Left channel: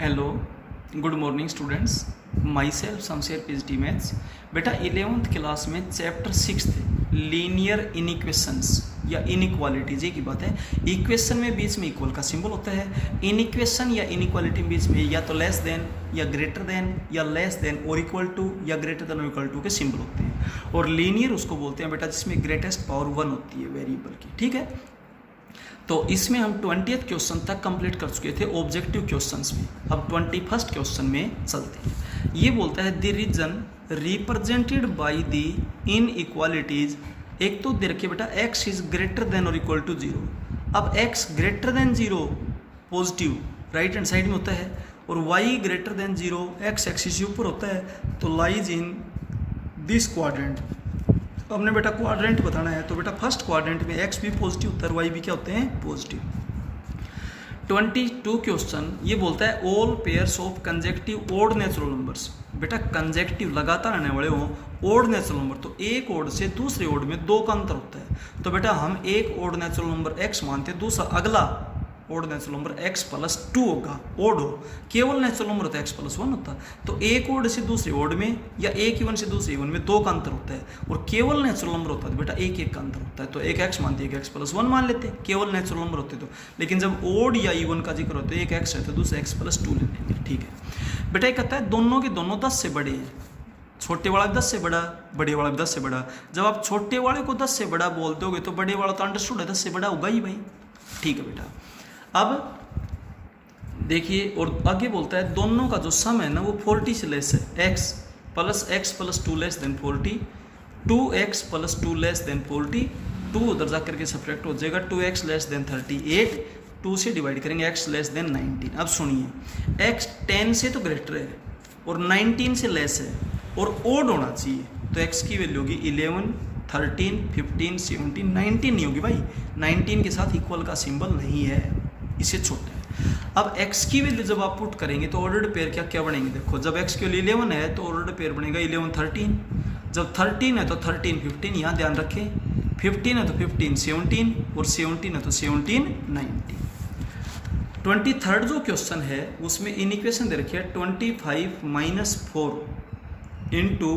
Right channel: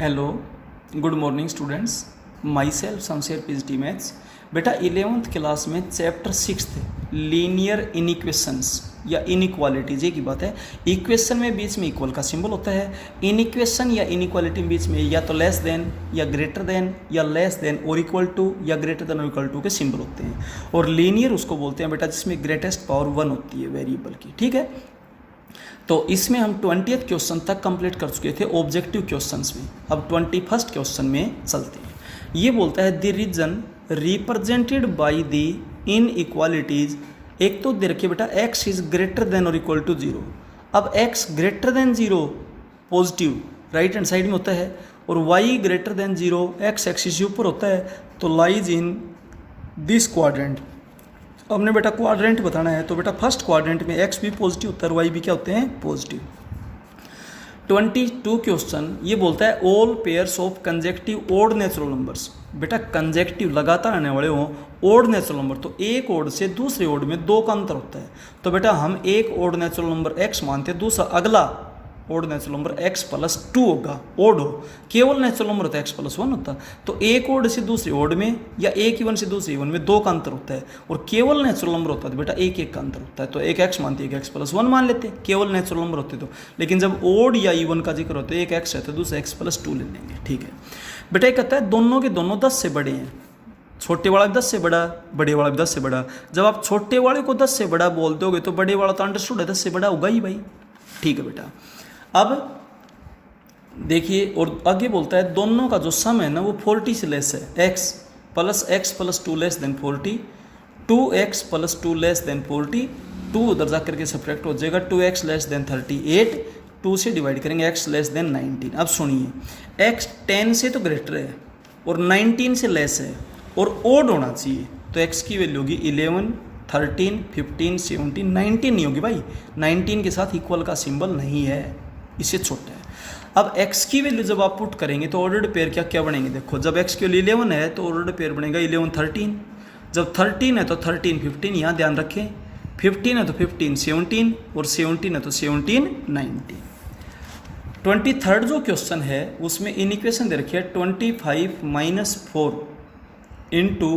Hello, good morning students. My self Shamsher PhD maths. बेटा 11th class में chapter 6 linear इनइक्वेशंस या inequalities की बात है। इक्वेशन में बीच में इक्वल का सिंबल होता है, इनइक्वेशन या इनइक्वालिटी में बीच में या तो लेस देन या ग्रेटर देन या लेस देन और इक्वल टू या ग्रेटर देन और इक्वल टू के सिंबल होते हैं। और लीनियर उसको बोलते हैं बेटा जिसमें ग्रेटेस्ट पावर 1 होती है वेरिएबल की। ठीक है, तो इसमें हम 20th क्वेश्चन तक कंप्लीट कर चुके थे ऑब्जेक्टिव क्वेश्चंस में। अब 21st क्वेश्चन में चलते हैं। ये बोलता है the region represented by the inequalities. एक तो दे रखिए बेटा x इज ग्रेटर देन और इक्वल टू 0। अब x greater than 0 positive right hand side में होता है और y greater than 0 x axis ऊपर होता है, तो लाइज इन दिस क्वाड्रेंट। हमने बेटा क्वाड्रेंट बताना है, तो बेटा फर्स्ट क्वाड्रेंट में x भी पॉजिटिव होता है और y भी क्या होते हैं पॉजिटिव। 22 क्वेश्चन ये बोलता है all pairs of consecutive odd natural numbers. बेटा कंजेक्टिव लगातार आने वाले हो ओड नेचुरल नंबर, तो एक ओड से दूसरे ओड में 2 का अंतर होता है। तो बेटा हम एक ओड नेचुरल नंबर x मानते हैं, दूसरा अगला ओड नेचुरल नंबर x+2 होगा। ओड हो, केवल नेचुरल नंबर होता है x+1 होता है। तो एक ओड से दूसरे ओड में या एक इवन से दूसरे इवन में 2 का अंतर होता है, और केवल नेचुरल नंबर होता है तो बेटा एक एक का अंतर होता है। तो एक x मानते हैं, एक x+1 मान लेते हैं, केवल नेचुरल नंबर होते तो। लेकिन जब ओड या इवन का जिक्र होता है एक x है तो दूसरा x+2 ले लेंगे। ठीक है बेटा, ये कहता है दोनों के दोनों 10 से बड़े हैं। छोटे वाला 10 से बड़ा, बड़े वाला 10 से बड़ा। जब आप छोटे वाले को 10 से बड़ा बोल दोगे तो बड़े वाला तो अंडरस्टूड है 10 से बड़ा होगा ही भाई। ठीक है बेटा, अब देखिए और आगे बोलता है दोनों का जो सम है ना वो 40 से लेस है। x+x+2 less than 40, 2x+2 less than 40, 2 उधर जा करके सब्ट्रैक्ट हो जाएगा, 2x लेस देन 38, 2 से डिवाइड करेंगे x लेस देन 19। अब सुनिए x 10 से तो ग्रेटर है और 19 से लेस है और ओड होना चाहिए, तो x की वैल्यू होगी 11, 13, 15, 17, 19 नहीं होगी भाई। 19 के साथ इक्वल का सिंबल नहीं है, इससे छोटा है। अब x की वैल्यू जब आप पुट करेंगे तो ऑर्डर्ड पेयर क्या बनेंगे, देखो जब x की वैल्यू 11 है तो ऑर्डर्ड पेयर बनेगा 11, 13। जब 13 है तो 13, 15, यहाँ ध्यान रखें। 15 है तो 15, 17 और 17 है तो 17, 19। 23rd जो क्वेश्चन है उसमें इनइक्वेशन दे रखी है 25 - 4 इंटू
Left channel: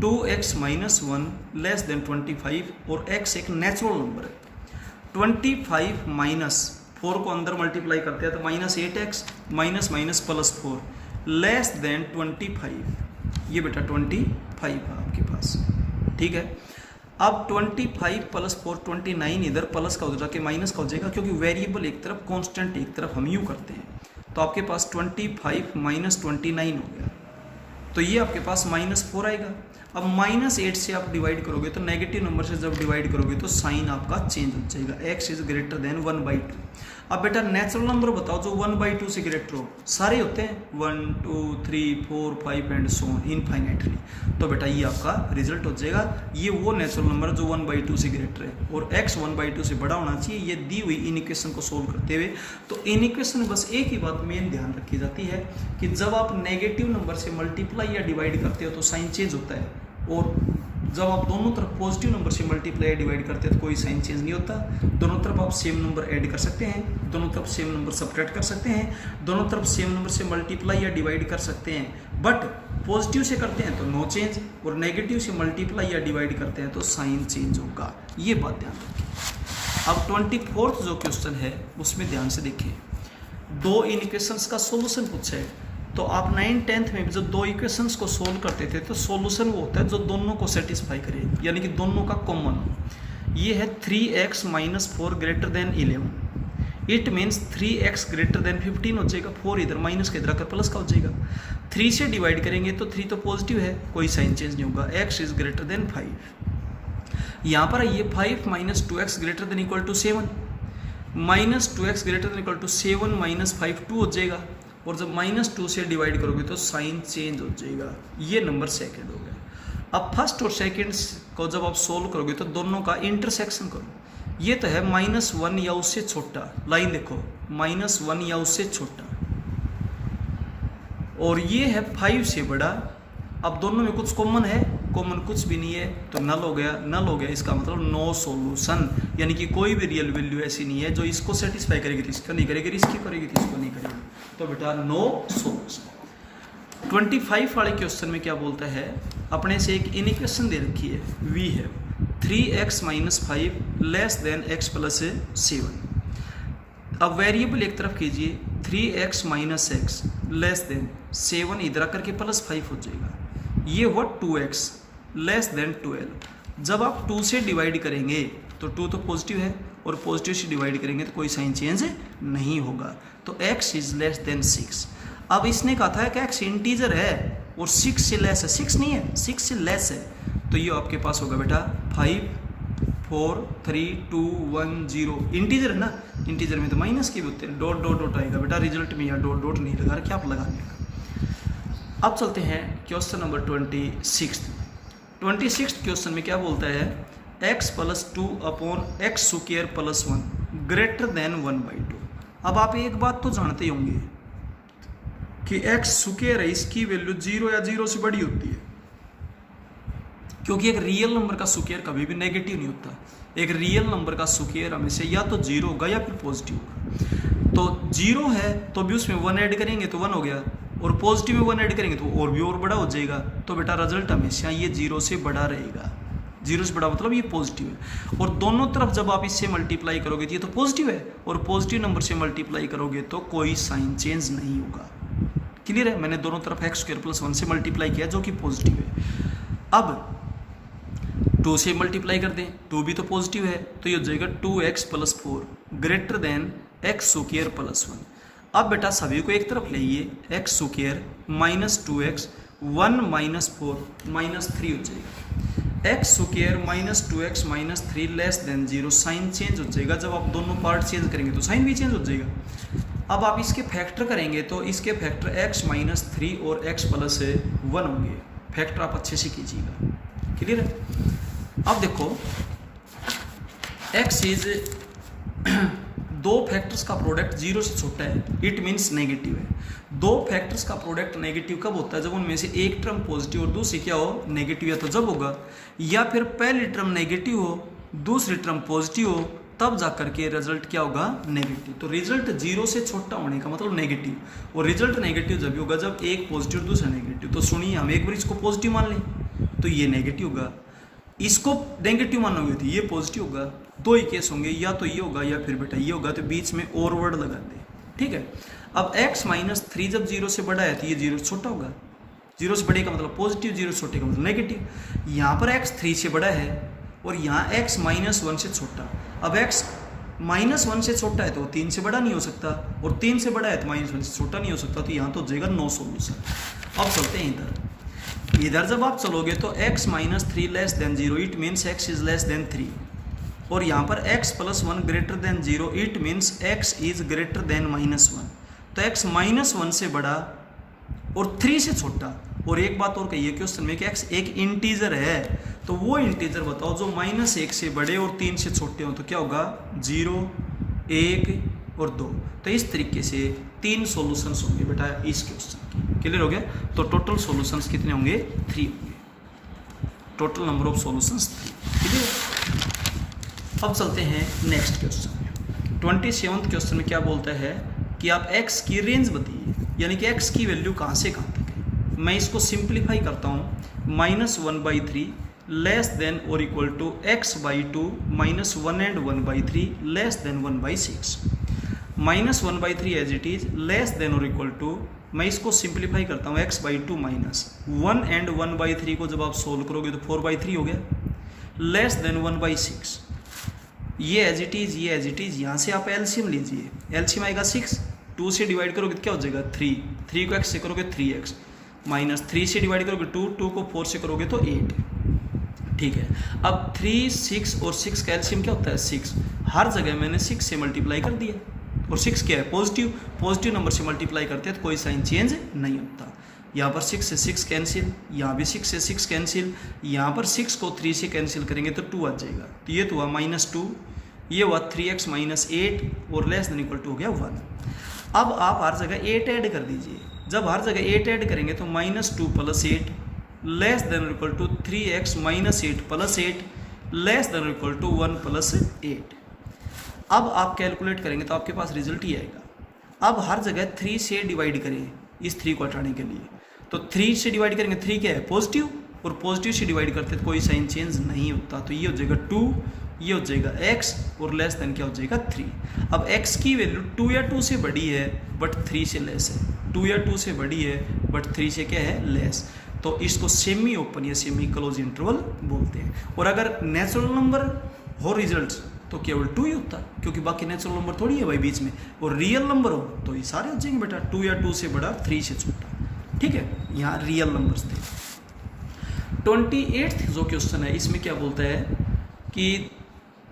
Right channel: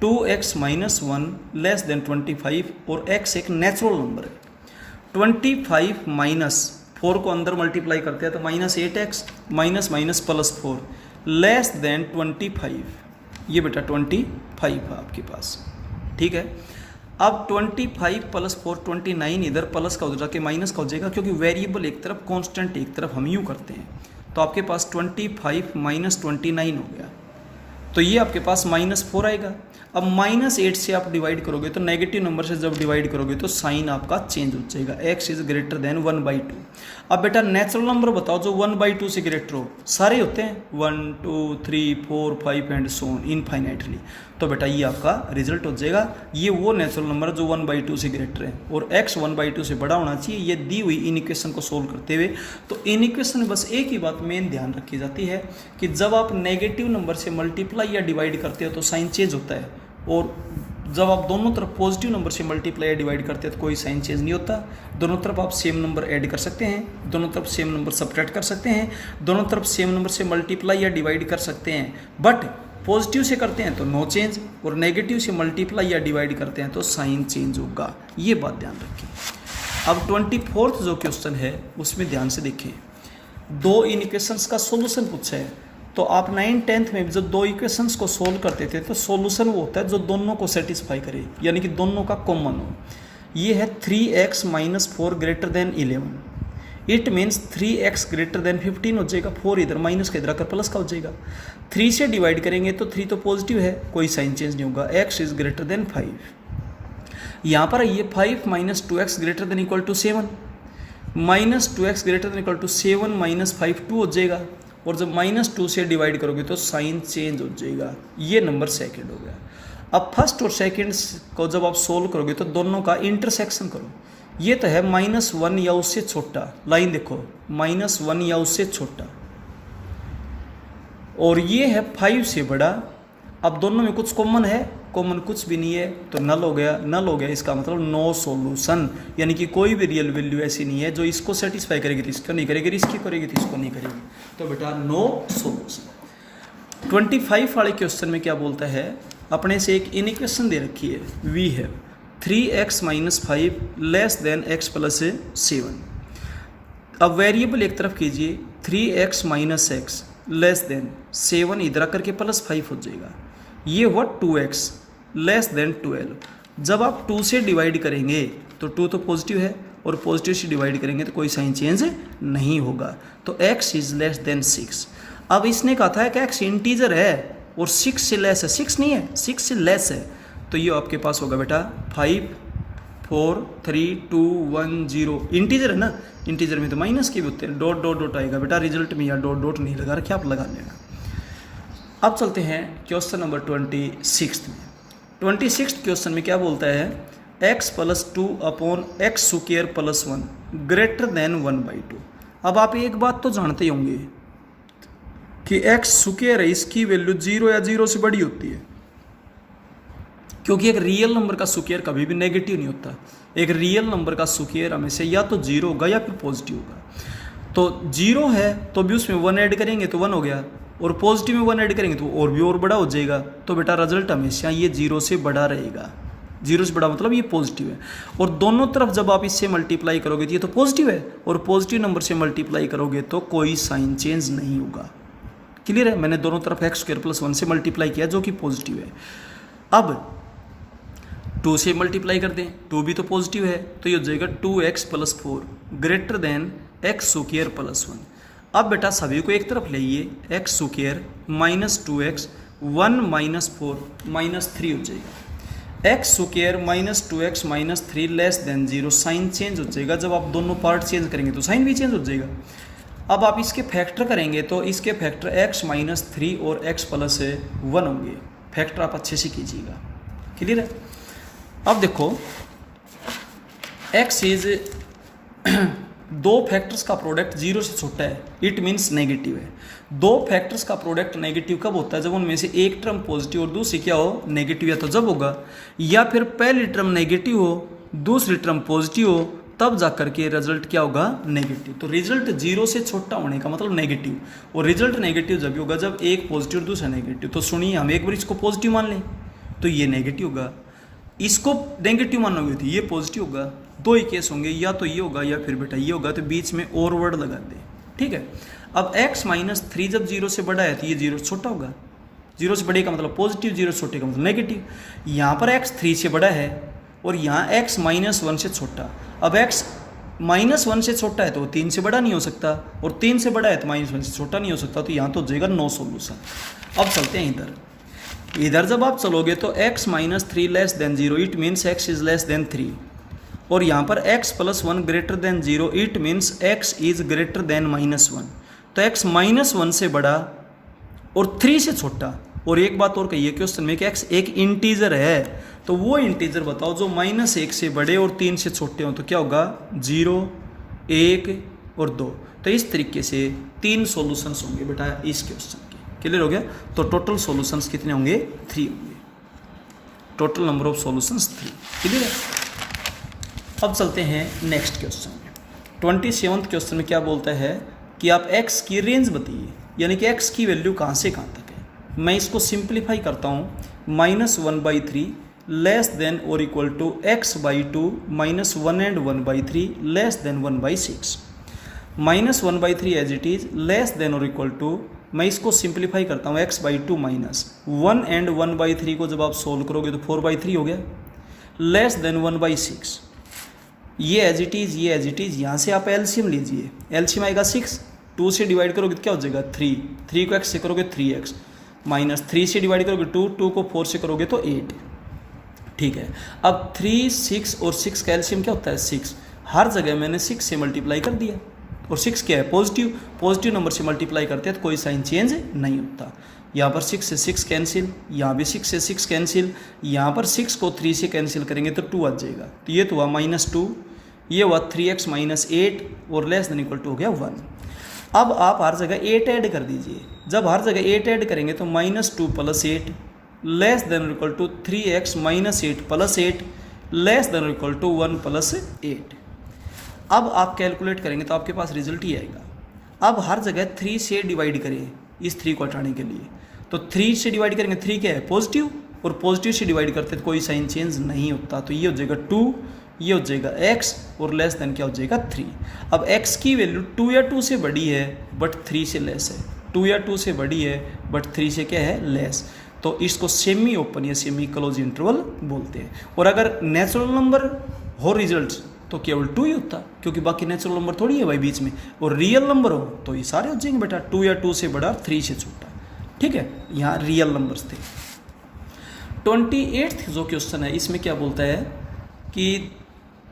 2x - 1 लेस देन 25, और x एक नेचुरल नंबर है। 25 - 4 को अंदर मल्टीप्लाई करते हैं तो -8x +4 लेस देन 25। ये बेटा 25 है आपके पास। ठीक है, अब 25 + 4 29, इधर प्लस का हो जाके माइनस का हो जाएगा, क्योंकि वेरिएबल एक तरफ कांस्टेंट एक तरफ हम यूँ करते हैं। तो आपके पास 25 - 29 हो गया, तो ये आपके पास -4 आएगा। अब -8 से आप डिवाइड करोगे तो नेगेटिव नंबर से जब डिवाइड करोगे तो साइन आपका चेंज हो जाएगा, x इज ग्रेटर देन 1/2। अब बेटा नेचुरल नंबर बताओ जो 1/2 से ग्रेटर हो, सारे होते हैं 1, 2, 3, 4, 5 एंड सो ऑन इनफाइनाइटली। तो बेटा ये आपका रिजल्ट हो जाएगा, ये वो नेचुरल नंबर जो 1/2 से ग्रेटर है और x 1/2 से बड़ा होना चाहिए। ये दी हुई इन इक्वेशन को सोल्व करते हुए, तो इन इक्वेशन में बस एक ही बात मेन ध्यान रखी जाती है कि जब आप नेगेटिव नंबर से मल्टीप्लाई या डिवाइड करते हो तो साइन चेंज होता है, और जब आप दोनों तरफ पॉजिटिव नंबर से मल्टीप्लाई या डिवाइड करते हैं तो कोई साइन चेंज नहीं होता। दोनों तरफ आप सेम नंबर ऐड कर सकते हैं, दोनों तरफ सेम नंबर सब्ट्रैक्ट कर सकते हैं, दोनों तरफ सेम नंबर से मल्टीप्लाई या डिवाइड कर सकते हैं। बट पॉजिटिव से करते हैं तो नो चेंज, और नेगेटिव से मल्टीप्लाई या डिवाइड करते हैं तो साइन चेंज होगा। ये बात ध्यान रखें। अब 24th जो क्वेश्चन है उसमें ध्यान से देखिए, 2 इक्वेशंस का सोल्यूशन पूछा है। तो आप 9th 10th में जब 2 इक्वेशंस को सोल्व करते थे तो सॉल्यूशन वो होता है जो दोनों को सेटिस्फाई करे, यानी कि दोनों का कॉमन हो। ये है 3x - 4 greater than 11। It means 3x greater than 15 हो जाएगा, 4 इधर माइनस का इधर आकर प्लस का हो जाएगा। 3 से डिवाइड करेंगे तो 3 तो पॉजिटिव है, कोई साइन चेंज नहीं होगा, x इज ग्रेटर देन 5। यहाँ पर ये 5 - 2x greater than equal to 7, -2x greater than equal to 7 - 5 2 हो जाएगा, और जब -2 से डिवाइड करोगे तो साइन चेंज हो जाएगा। ये नंबर सेकंड हो गया। अब फर्स्ट और सेकंड को जब आप सोल्व करोगे तो दोनों का इंटरसेक्शन करो। ये तो है -1 या उससे छोटा, लाइन देखो -1 या उससे छोटा, और ये है 5 से बड़ा। अब दोनों में कुछ कॉमन है, कॉमन कुछ भी नहीं है तो नल हो गया, नल हो गया इसका मतलब नो सॉल्यूशन, यानी कि कोई भी रियल वैल्यू ऐसी नहीं है जो इसको सेटिस्फाई करेगी तो इसको नहीं करेगी, इसकी करेगी तो इसको नहीं करेगी, तो बेटा नो सॉल्यूशन। 25 वाले क्वेश्चन में क्या बोलता है, अपने से एक इनइक्वेशन दे रखी है, वी है 3x - 5 less than x plus 7। अब वेरिएबल एक तरफ कीजिए, 3x - x लेस देन 7 इधर आकर के प्लस 5 हो जाएगा, ये हुआ 2x लेस देन 12। जब आप 2 से डिवाइड करेंगे तो 2 तो पॉजिटिव है और पॉजिटिव से डिवाइड करेंगे तो कोई साइन चेंज नहीं होगा, तो x इज लेस देन 6। अब इसने कहा था कि x इंटीजर है और 6 से लेस है, 6 नहीं है 6 से लेस है, तो ये आपके पास होगा बेटा 5 4 3 2 1 0। इंटीजर है ना, इंटीजर में तो माइनस के भी होते हैं, डॉट डॉट डॉट आएगा बेटा, रिजल्ट में यहाँ डॉट डॉट नहीं लगा रखे, आप लगा लेना। अब चलते हैं क्वेश्चन नंबर 26 क्वेश्चन में क्या बोलता है, x + 2 upon x square + 1 greater than 1/2। अब आप एक बात तो जानते होंगे कि x स्क्वायर है, इसकी वैल्यू 0 या 0 से बड़ी होती है, क्योंकि एक रियल नंबर का स्क्वायर कभी भी नेगेटिव नहीं होता। एक रियल नंबर का स्क्वायर हमेशा या तो 0 होगा या फिर पॉजिटिव होगा। तो 0 है तो भी उसमें 1 ऐड करेंगे तो 1 हो गया, और पॉजिटिव में 1 ऐड करेंगे तो और भी और बड़ा हो जाएगा, तो बेटा रिजल्ट हमेशा ये 0 से बड़ा रहेगा। 0 से बड़ा मतलब ये पॉजिटिव है, और दोनों तरफ जब आप इससे मल्टीप्लाई करोगे तो ये तो पॉजिटिव है, और पॉजिटिव नंबर से मल्टीप्लाई करोगे तो कोई साइन चेंज नहीं होगा। क्लियर है, मैंने दोनों तरफ x² + 1 से मल्टीप्लाई किया जो कि पॉजिटिव है। अब 2 से मल्टीप्लाई कर दें, 2 भी तो पॉजिटिव है, तो ये हो जाएगा 2x + 4 greater than x square + 1। अब बेटा सभी को एक तरफ लाइए, x स्क्वायर - 2x 1 - 4 -3 हो जाएगा, x square - 2x - 3 less than 0, sign change हो जाएगा। जब आप दोनों पार्ट चेंज करेंगे तो साइन भी चेंज हो जाएगा। अब आप इसके फैक्टर करेंगे तो इसके फैक्टर x - 3 और x + 1 होंगे, फैक्टर आप अच्छे से कीजिएगा। क्लियर है। अब देखो x इज दो फैक्टर्स का प्रोडक्ट 0 से छोटा है, इट मीन्स नेगेटिव है। दो फैक्टर्स का प्रोडक्ट नेगेटिव कब होता है, जब उनमें से एक टर्म पॉजिटिव और दूसरी क्या हो नेगेटिव, या तो जब होगा, या फिर पहली टर्म नेगेटिव हो दूसरी टर्म पॉजिटिव हो, तब जाकर के रिजल्ट क्या होगा नेगेटिव। तो रिजल्ट 0 से छोटा होने का मतलब नेगेटिव, और रिजल्ट नेगेटिव जब होगा जब एक पॉजिटिव और दूसरा नेगेटिव। तो सुनिए, हम एक बार इसको पॉजिटिव मान लें तो ये नेगेटिव होगा, इसको नेगेटिव मानोगे तो ये पॉजिटिव होगा। दो ही केस होंगे, या तो ये होगा या फिर बेटा ये होगा, तो बीच में और वर्ड लगा दे। ठीक है। अब x - 3 जब 0 से बड़ा है तो ये 0 से छोटा होगा, 0 से बड़े का मतलब पॉजिटिव, 0 से छोटे का मतलब नेगेटिव। यहाँ पर x 3 से बड़ा है और यहाँ x - 1 से छोटा। अब x - 1 से छोटा है तो 3 से बड़ा नहीं हो सकता, और 3 से बड़ा है तो -1 से छोटा नहीं हो सकता, तो यहाँ तो हो जाएगा नो सॉल्यूशन। अब चलते हैं इधर जब आप चलोगे तो x - 3 less than 0, it means x is less then 3, और यहाँ पर x + 1 greater than 0, it means x is greater then -1। तो x -1 से बड़ा और 3 से छोटा। और एक बात और कही है क्वेश्चन में कि x एक इंटीजर है, तो वो इंटीजर बताओ जो -1 से बड़े और 3 से छोटे हों, तो क्या होगा 0 1 और 2। तो इस तरीके से 3 सॉल्यूशंस होंगे बेटा इस क्वेश्चन के। क्लियर हो गया। तो टोटल सॉल्यूशंस कितने होंगे 3 होंगे, total number of solutions 3। Clear है। अब चलते हैं नेक्स्ट क्वेश्चन में। 27th क्वेश्चन में क्या बोलता है कि आप x की रेंज बताइए, यानी कि x की वैल्यू कहाँ से कहाँ तक है। मैं इसको सिंप्लीफाई करता हूँ, -1/3 लेस देन और equal to x/2 -1 and 1/3 less than 1/6। -1/3 as it is less than और इक्वल टू, मैं इसको सिंप्लीफाई करता हूँ, x/2 -1 and 1/3 को जब आप सोल्व करोगे तो 4/3 हो गया, लेस देन 1/6। ये एज इट इज़, ये एज इट इज़। यहाँ से आप एलसीएम लीजिए, एलसीएम आएगा 6, 2 से डिवाइड करोगे तो क्या हो जाएगा 3, 3 को x से करोगे 3x, -3 से डिवाइड करोगे 2, 2 को 4 से करोगे तो 8। ठीक है। अब 3, 6 और 6 का एलसीएम क्या होता है 6। हर जगह मैंने 6 से मल्टीप्लाई कर दिया, और 6 क्या है पॉजिटिव, पॉजिटिव नंबर से मल्टीप्लाई करते हैं तो कोई साइन चेंज नहीं होता। यहाँ पर 6 से 6 कैंसिल, यहाँ भी 6 से 6 कैंसिल, यहाँ पर 6 को 3 से कैंसिल करेंगे तो 2 आ जाएगा, तो ये तो हुआ -2, ये हुआ 3x - 8 और लेस देन इक्वल टू हो गया 1। अब आप हर जगह 8 ऐड कर दीजिए। जब हर जगह 8 ऐड करेंगे तो -2 + 8 less than equal to 3x minus 8 plus 8 less than equal to 1 plus 8। अब आप कैलकुलेट करेंगे तो आपके पास रिजल्ट ही आएगा। अब हर जगह 3 से डिवाइड करें इस 3 को हटाने के लिए, तो 3 से डिवाइड करेंगे, 3 क्या है पॉजिटिव, और पॉजिटिव से डिवाइड करते तो कोई साइन चेंज नहीं होता, तो ये हो जाएगा 2, ये हो जाएगा x, और लेस देन क्या हो जाएगा 3। अब x की वैल्यू 2 या 2 से बड़ी है बट 3 से लेस है, 2 या 2 से बड़ी है बट 3 से क्या है लेस, तो इसको सेमी ओपन या सेमी क्लोज इंटरवल बोलते हैं। और अगर नेचुरल नंबर हो रिजल्ट तो केवल 2 ही होता, क्योंकि बाकी नेचुरल नंबर थोड़ी है भाई बीच में, और रियल नंबर हो तो ये सारे हो जाएंगे बेटा, 2 या 2 से बड़ा 3 से छोटा। ठीक है, यहाँ रियल नंबर्स थे। 28th जो क्वेश्चन है इसमें क्या बोलता है कि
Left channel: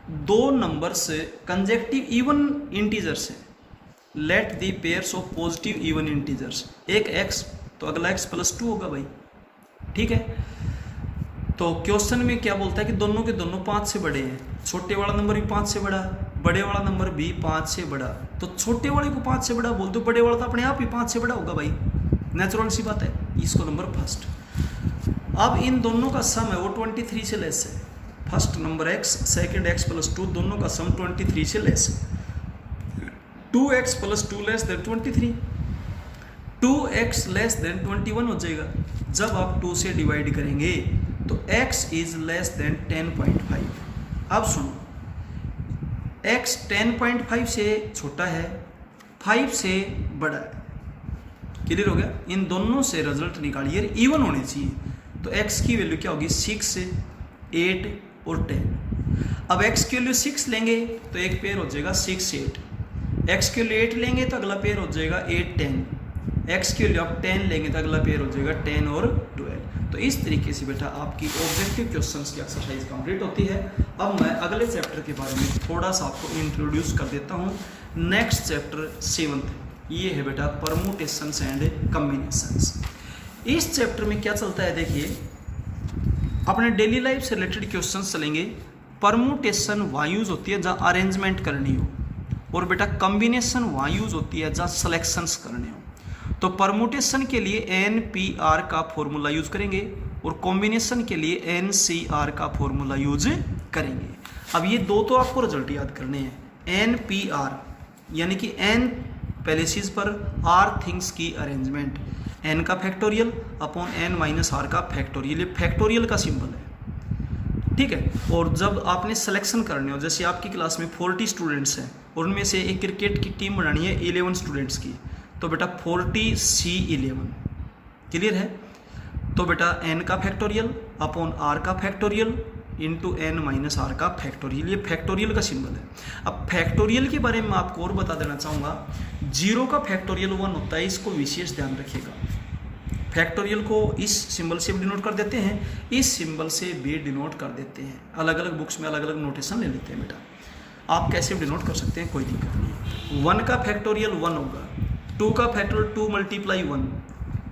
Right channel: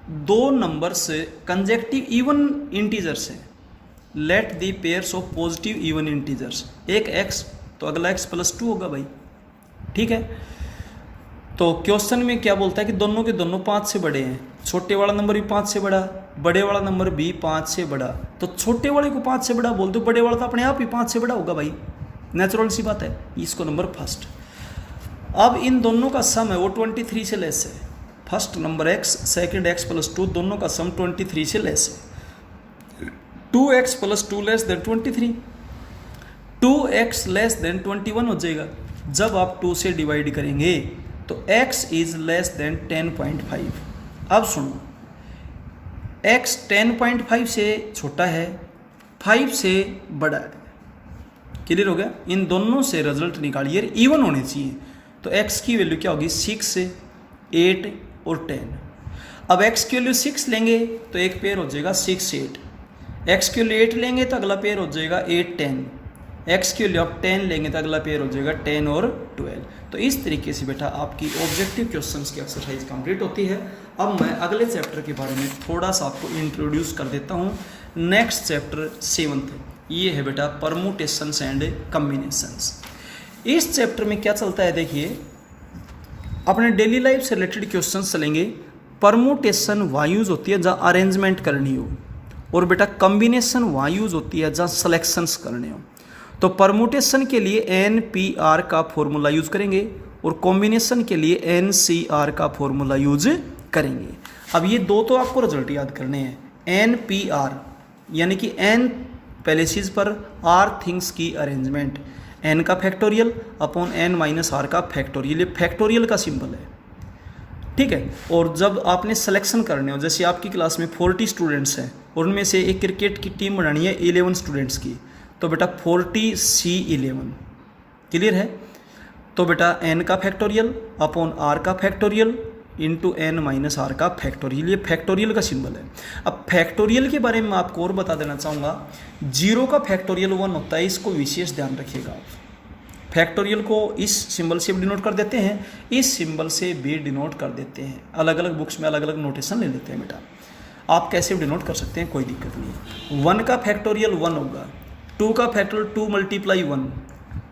दो नंबर्स कंजेक्टिव इवन इंटीजर्स है, let the pairs of positive even integers, एक x तो अगला x प्लस 2 होगा भाई। ठीक है, तो क्वेश्चन में क्या बोलता है कि दोनों के दोनों 5 से बड़े हैं, छोटे वाला नंबर भी 5 से बड़ा, बड़े वाला नंबर भी 5 से बड़ा, तो छोटे वाले को 5 से बड़ा बोल दो, बड़े वाला तो अपने आप ही 5 से बड़ा होगा भाई, नेचुरल सी बात है। इसको नंबर फर्स्ट। अब इन दोनों का सम है वो 23 से लेस है, first number x second x plus 2 दोनों का सम 23 से लेस है। 2x plus 2 less than 23, 2x less than 21 हो जाएगा। जब आप 2 से डिवाइड करेंगे तो x इज लेस देन 10.5। अब सुनो, x 10.5 से छोटा है, 5 से बड़ा है। क्लियर हो गया? इन दोनों से रिजल्ट निकालिए, इवन होने चाहिए। तो x की वैल्यू क्या होगी 6, 8 और 10। अब x की वैल्यू 6 लेंगे तो एक पेयर हो जाएगा 6, 8। x की वैल्यू 8 लेंगे तो अगला पेयर हो जाएगा 8, 10। x की वैल्यू आप 10 लेंगे तो अगला पेयर हो जाएगा 10 और 12। तो इस तरीके से बेटा आपकी ऑब्जेक्टिव क्वेश्चंस की एक्सरसाइज कंप्लीट होती है। अब मैं अगले चैप्टर के बारे में थोड़ा सा आपको इंट्रोड्यूस कर देता हूँ। नेक्स्ट चैप्टर 7th, ये है बेटा परमुटेशंस एंड कम्बिनेशंस। इस चैप्टर में क्या चलता है देखिए, अपने डेली लाइफ से रिलेटेड क्वेश्चंस चलेंगे। परमुटेशन वहाँ यूज होती है जहाँ अरेंजमेंट करनी हो, और बेटा कम्बिनेशन वहाँ यूज होती है जहाँ सिलेक्शंस करने हो। तो परमुटेशन के लिए NPR का फॉर्मूला यूज करेंगे और कॉम्बिनेशन के लिए NCR का फॉर्मूला यूज करेंगे। अब ये दो तो आपको रिजल्ट याद करने हैं। NPR यानी कि N पैलेसिस पर R थिंग्स की अरेंजमेंट, N का factorial upon N minus R का फैक्टोरियल, ये फैक्टोरियल का सिंबल है। ठीक है, और जब आपने सिलेक्शन करने हो, जैसे आपकी क्लास में 40 स्टूडेंट्स हैं और उनमें से एक क्रिकेट की टीम बनानी है 11 स्टूडेंट्स की, तो बेटा 40C11। क्लियर है? तो बेटा n का फैक्टोरियल अपॉन r का factorial into n minus r का फैक्टोरियल, ये फैक्टोरियल का सिंबल है। अब फैक्टोरियल के बारे में आपको और बता देना चाहूँगा, 0 का फैक्टोरियल 1 होता है, इसको विशेष ध्यान रखिएगा। फैक्टोरियल को इस सिंबल से भी डिनोट कर देते हैं, इस सिंबल से भी डिनोट कर देते हैं। अलग अलग बुक्स में अलग अलग नोटेशन ले लेते हैं बेटा, आप कैसे भी डिनोट कर सकते हैं, कोई दिक्कत नहीं। 1 का फैक्टोरियल 1 होगा, 2 का फैक्टोरियल 2 मल्टीप्लाई 1,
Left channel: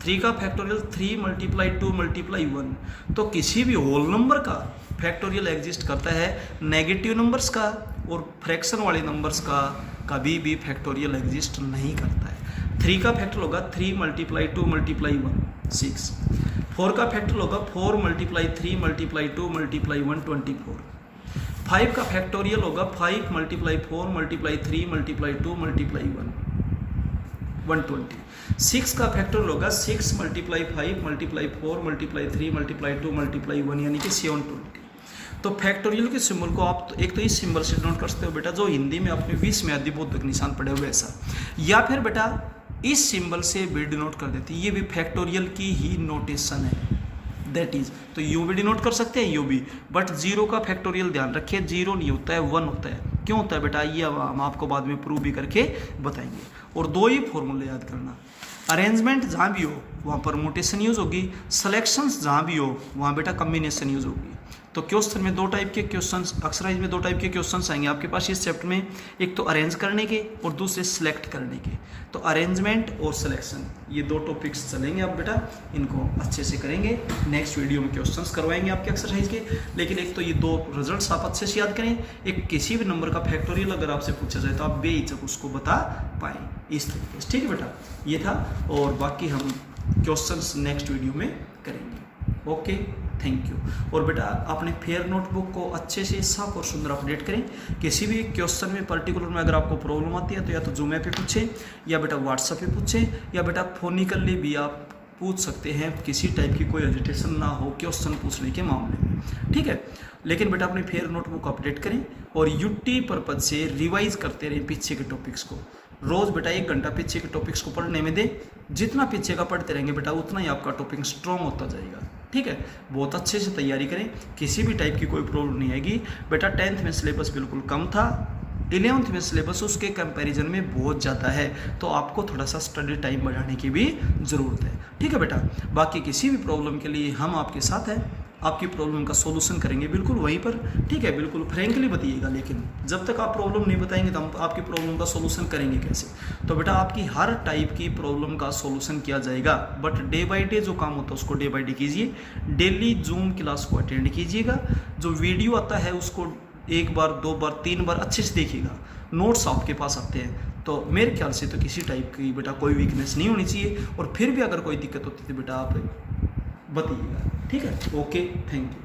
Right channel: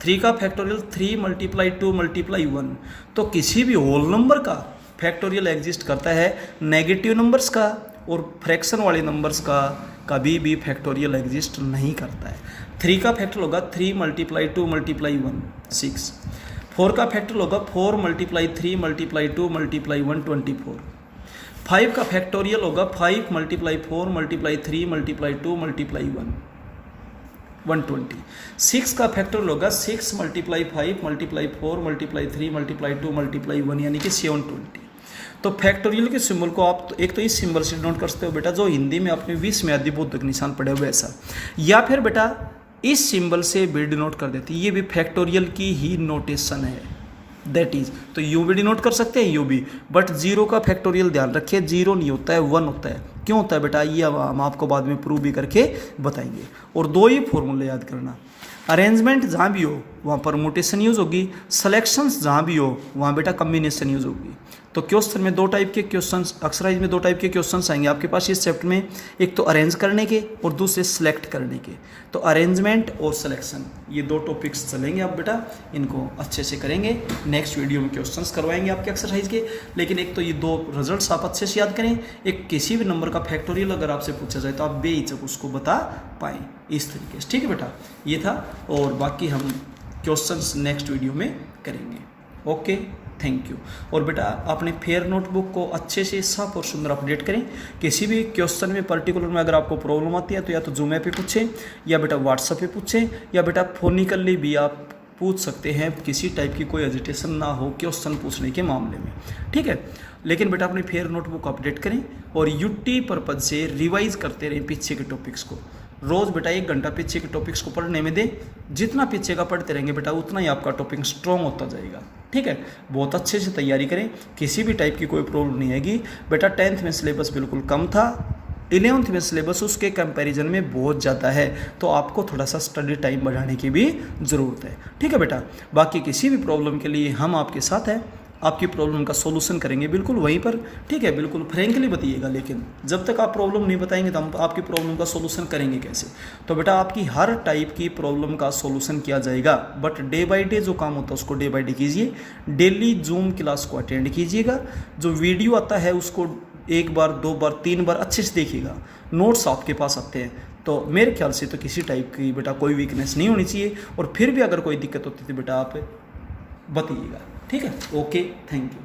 3 का फैक्टोरियल 3 मल्टीप्लाई 2 मल्टीप्लाई 1। तो किसी भी होल नंबर का फैक्टोरियल एग्जिस्ट करता है, नेगेटिव नंबर्स का और फ्रैक्शन वाले नंबर्स का कभी भी फैक्टोरियल एग्जिस्ट नहीं करता है। 3 का फैक्टोरियल होगा 3 मल्टीप्लाई 2 मल्टीप्लाई 1, 6। 4 का फैक्टोरियल होगा 4 मल्टीप्लाई 3 मल्टीप्लाई 2 मल्टीप्लाई 1, 24। 5 का फैक्टोरियल होगा 5 मल्टीप्लाई 4 मल्टीप्लाई 3 मल्टीप्लाई 2 मल्टीप्लाई 1, 120। 6 का फैक्टोरियल होगा 6 multiply 5 multiply 4 multiply 3 multiply 2 multiply 1 यानी कि 720। तो फैक्टोरियल के सिंबल को आप एक तो इस सिंबल से नोट कर सकते हो बेटा, जो हिंदी में आपने 20 में अधिबोधक निशान पढ़े हुए ऐसा, या फिर बेटा इस सिंबल से भी डिनोट कर देती है, ये भी फैक्टोरियल की ही नोटेशन है, दैट इज। तो यू भी डिनोट कर सकते हैं, यू भी, बट 0 का फैक्टोरियल ध्यान रखिए 0 नहीं होता है 1 होता है। क्यों होता है बेटा, ये हम आपको बाद में प्रूव भी करके बताएंगे। और 2 ही फॉर्मूले याद करना, अरेंजमेंट जहाँ भी हो वहाँ परमुटेशन यूज होगी, सिलेक्शंस जहाँ भी हो वहाँ बेटा कम्बिनेशन यूज होगी। तो क्वेश्चन में 2 टाइप के क्वेश्चंस, एक्सरसाइज में 2 टाइप के क्वेश्चंस आएंगे आपके पास इस चैप्टर में, एक तो अरेंज करने के और दूसरे सिलेक्ट करने के। तो अरेंजमेंट और सिलेक्शन ये 2 टॉपिक्स चलेंगे आप बेटा, इनको अच्छे से करेंगे। नेक्स्ट वीडियो में क्वेश्चंस करवाएंगे आपके एक्सरसाइज के, लेकिन एक तो ये 2 रिजल्ट्स आप अच्छे से याद करें। एक किसी भी नंबर का फैक्टोरियल अगर आपसे पूछा जाए तो आप बेहिचक उसको बता पाएँ इस तरीके से। ठीक है बेटा, ये था, और बाकी हम क्वेश्चंस नेक्स्ट वीडियो में करेंगे। Okay, thank you. और बेटा अपने फेयर नोटबुक को अच्छे से साफ और सुंदर अपडेट करें। किसी भी क्वेश्चन में पर्टिकुलर में अगर आपको प्रॉब्लम आती है तो या तो जूम पे पूछें, या बेटा व्हाट्सएप पे पूछें, या बेटा फोनिकली भी आप पूछ सकते हैं। किसी टाइप की कोई एजिटेशन ना हो क्वेश्चन पूछने के मामले में, ठीक है। लेकिन बेटा अपने फेयर नोटबुक अपडेट करें और यूटी पर्पज से रिवाइज करते रहें पीछे के टॉपिक्स को। रोज़ बेटा 1 घंटा पीछे के टॉपिक्स को पढ़ने में दे। जितना पीछे का पढ़ते रहेंगे बेटा उतना ही आपका टॉपिक स्ट्रॉन्ग होता जाएगा, ठीक है। बहुत अच्छे से तैयारी करें, किसी भी टाइप की कोई प्रॉब्लम नहीं आएगी। बेटा 10th में सिलेबस बिल्कुल कम था, 11th में सिलेबस उसके कंपैरिजन में बहुत ज़्यादा है, तो आपको थोड़ा सा स्टडी टाइम बढ़ाने की भी ज़रूरत है, ठीक है बेटा। बाकी किसी भी प्रॉब्लम के लिए हम आपके साथ हैं, आपकी प्रॉब्लम का सॉल्यूशन करेंगे बिल्कुल वहीं पर, ठीक है। बिल्कुल फ्रेंकली बताइएगा, लेकिन जब तक आप प्रॉब्लम नहीं बताएंगे तो हम आपकी प्रॉब्लम का सॉल्यूशन करेंगे कैसे। तो बेटा आपकी हर टाइप की प्रॉब्लम का सॉल्यूशन किया जाएगा, बट डे बाय डे जो काम होता है उसको डे बाय डे कीजिए। डेली जूम क्लास को अटेंड कीजिएगा। जो वीडियो आता है उसको 1 बार 2 बार 3 बार अच्छे से देखिएगा। नोट्स आपके पास आते हैं, तो मेरे ख्याल से तो किसी टाइप की बेटा कोई वीकनेस नहीं होनी चाहिए। और फिर भी अगर कोई दिक्कत होती है तो बेटा आप बताइएगा, ठीक है। Okay, thank you.